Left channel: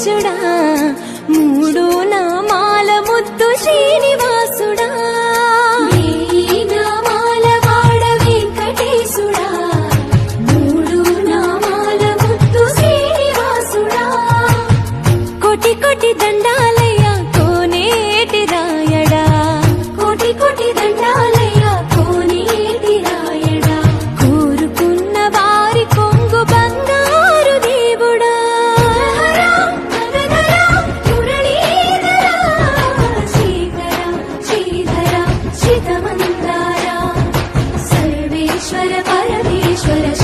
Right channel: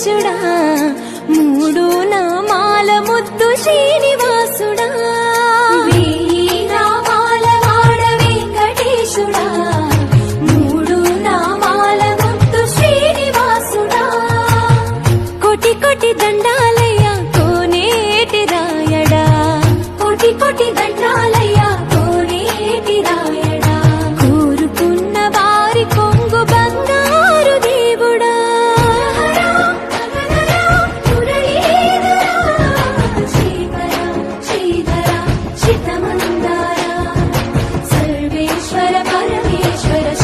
శ్రీనివాసుడా మూడు నామాల ముద్దు శ్రీనివాసుడా. కోటి కోటి దండాలయ్యా కోనేటి రాయడా. కోటి కోటి ईश्वर